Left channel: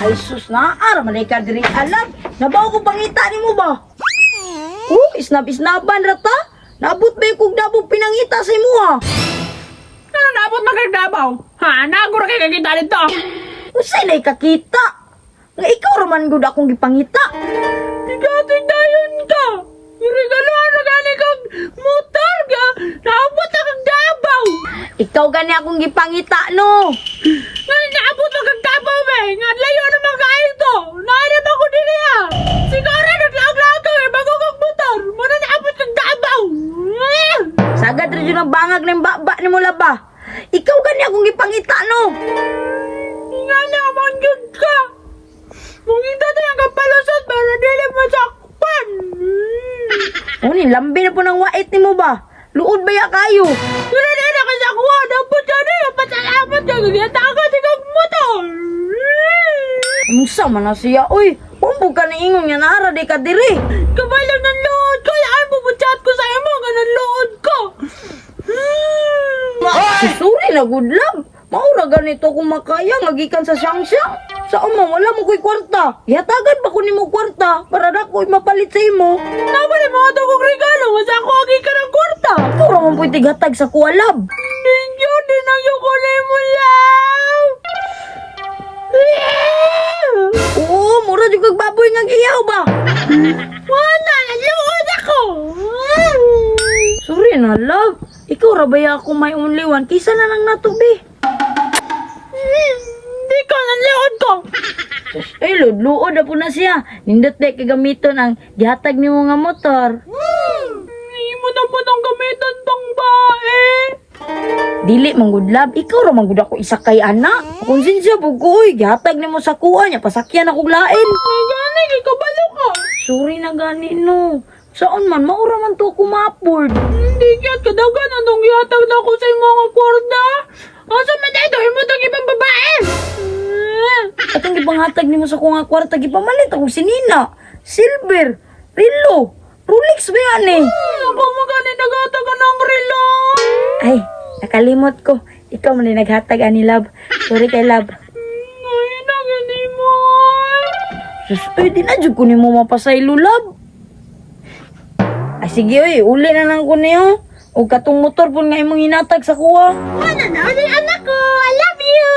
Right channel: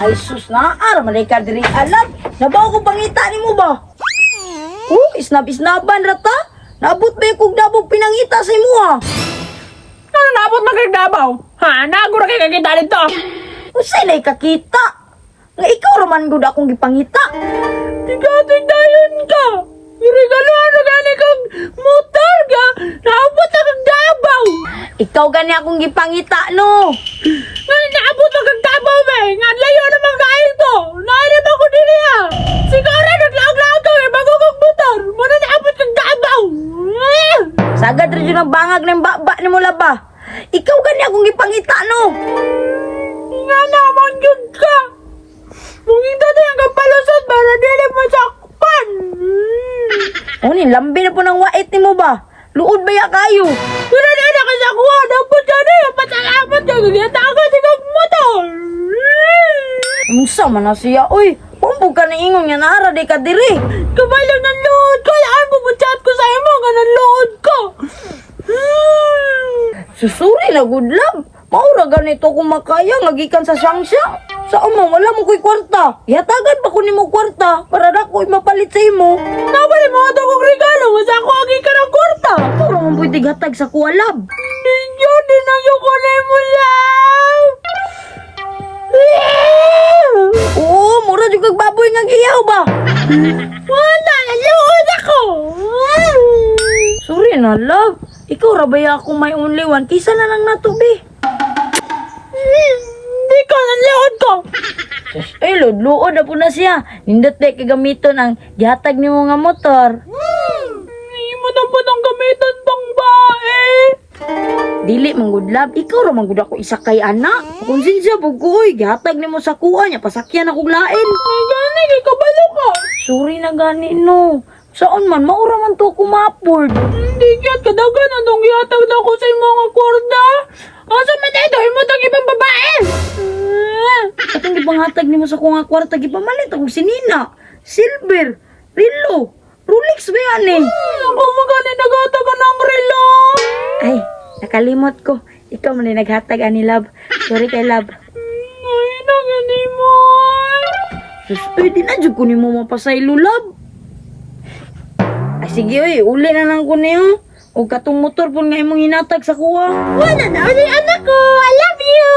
Ay sus na, manay ka diri alam. Nabaw ko pangita ni mo ba? Isnab-isnaban rata. Nabot ba yung kugdabog pinangita sa imo ha? Ano nabot magkagdabaw? Ha? Nagura kay kakita dito. Usay na ikakita. Nga ikaw raman gud akong gipangita. Tigating dayon ka. Regaloan na gani kang motor ka. Naabot na kang dabaw. Ikaw gani akong gipangita no. Naabot na kang dabaw ba? Nga layo naman kain to. Naarap ako dili ha. Siguro naglaag-laag ka bago kang motor. Muna naabot kang dabaw. Sagad rin yun ang bangag ng baba ni mo laba. Ikaw gani akong gipangita no. Nga naman yun ka. Mungita na yung kapalusot para dili masakpan. Unin, lambi na po ng wait ni mo ba? Luod ba ya kayo? Pero na nakasakuha. Dapat ka na yung pasalapot ka. Gagita ako sa kang motor. Unsa man na siya, uy. Pumpog ka na ingon nga nara di ka diri. Kabalang ng load ko. Laan mo po chat ko sa imo nga ng load ko. Susuri na good love. Maura ganito kung makaya ngagikan sa siyang-siyang. Sa uma, wala mo ko'y kwarta. Ihatagan pa ko ni mo kwarta para na ko'y mapalit sa imo. Napali mga ito kong regalo. Masa ako agi ka ng kurta. Ako ramang po'y tigatag sa kuwalab. Ninyo, dinagyo ko na mo love. Oo, mura yung kagbaboy nga giyaw ba? Wala, nalood ako. Sorry na, love. Ikaw rabaya ako may only one. Kisa na lang natubi. Hindi ko, nalood ko. Ay, luod na po na siya. Nindot de kagamiton ang gihatag ni mo nga motor. Hindi mo na ba nang gamitan pang bae? Dili, manggudlab. Ikaw ra manggud ako isa kay anak. Kung sinsya, bugoy. Gihatag ni mo sa kuha niya. Pasakyan akong lain. Ay, gani, kay kabalo ka. Sorry na gani, no. Saan man, maura man to ako ma-afford. Hindi kaya kadagan anong ihatag na ko sa mga kwarda. Asa man ito, mo itong ibang babae. At ang ipanghatag ni mo sa kuha kwarta, gipamalit akong sinina. Silver, Rilo, Rolex ba yan eh? Ako magaling naghatag ka ng relo. Ay, nakalimot ko. Ikaw man na naghatag ani love. Sorry kay love. Ay, nagani mo. Sus, di na dyan ko ni mo mapasaylo love. Ay sige oy, uli na lang ko niyo. O katong motor po nga imong hinatag sa kuha. Wala na, anak ko. I love you.